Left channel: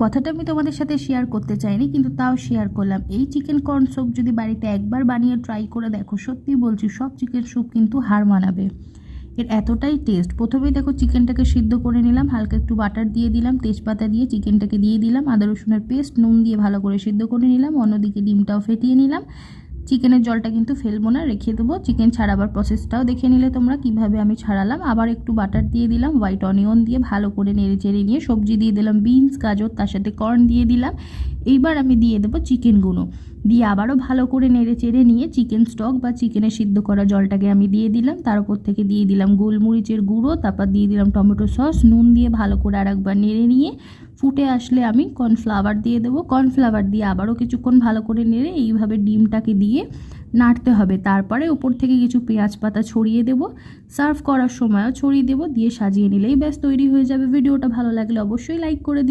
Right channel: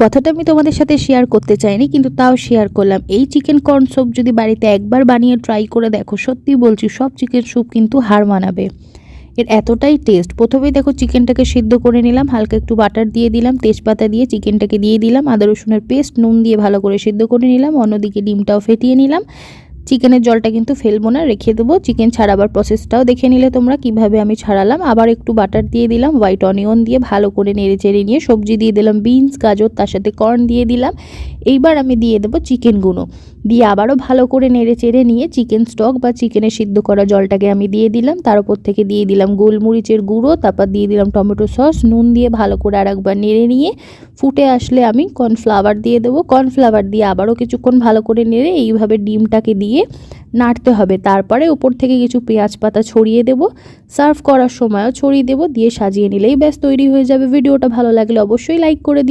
কথাটা আমি তোমাদের সাথে শেয়ার করতে চাইনি, কিন্তু তাও শেয়ার করলাম। এই চিকেন কর্ন স্যুপ যদি বাড়িতে একবার বানিয়ে ট্রাই করে দেখো, সত্যি বলছি সব চিকেন স্যুপ কিন্তু হার মানাবে। এর এতটাই টেস্ট। প্রথমেই দেখো চিকেনটাকে সিদ্ধ করে নিলাম, হালকা একটু বাটার দিয়ে দিলাম, তেজপাতা দিয়ে চিকেনটাকে দিয়ে দিলাম, আদা রসুনের পেস্ট, নুন দিয়ে ভালো করে সিদ্ধ করে নিলাম। অন্যদিকে ডিমটাও ফেটিয়ে নিলাম। চিকেনের জলটা কিন্তু ফেলবো না, রেখে দেবো। চিকেন ছাড়াবার প্রসেসটাও দেখে নিলে তোমরা কিভাবে আমি ছাড়ালাম। আবার একটু বাটার দিয়ে দিলাম, হোয়াইট অনিয়ন দিয়ে ভালো করে নেড়ে চেড়ে নিয়ে সবজি দিয়ে দিলাম, বিনস, গাজর, তার সাথে কর্ন দিয়ে দিলাম। এইবার আমি দিয়ে দেবো চিকেনগুলো, দিয়ে আবারও ভালো করে নেড়ে চেড়ে নিয়ে চিকেন স্টক বা চিকেনের সিদ্ধ করা জলটাকে আমি দিয়ে দিলাম। তার উপর থেকে দিয়ে দিলাম গোলমরিচের গুঁড়ো, তারপর দিয়ে দিলাম টমেটো সস, নুন দিয়ে ভালো করে আরেকবার নেড়ে নিয়ে ফুটে আসলে আমি কর্নফ্লাওয়ার দিয়ে দেবো। কর্নফ্লাওয়ার দিয়ে আবারও কিছুক্ষণ ভালো করে নেড়ে এইভাবে ডিমটাকে দিয়ে নাড়তে হবে। তারপরে উপর থেকে কিছু পেঁয়াজ পাতা ছড়িয়ে দেবো, সার্ভ করার সময়ও ছড়িয়ে দেবো, দিয়ে সাজিয়ে নিলেই ব্যাস তৈরি হয়ে যাবে। ভিডিওটা ভালো লাগলে অবশ্যই লাইক করে দিও।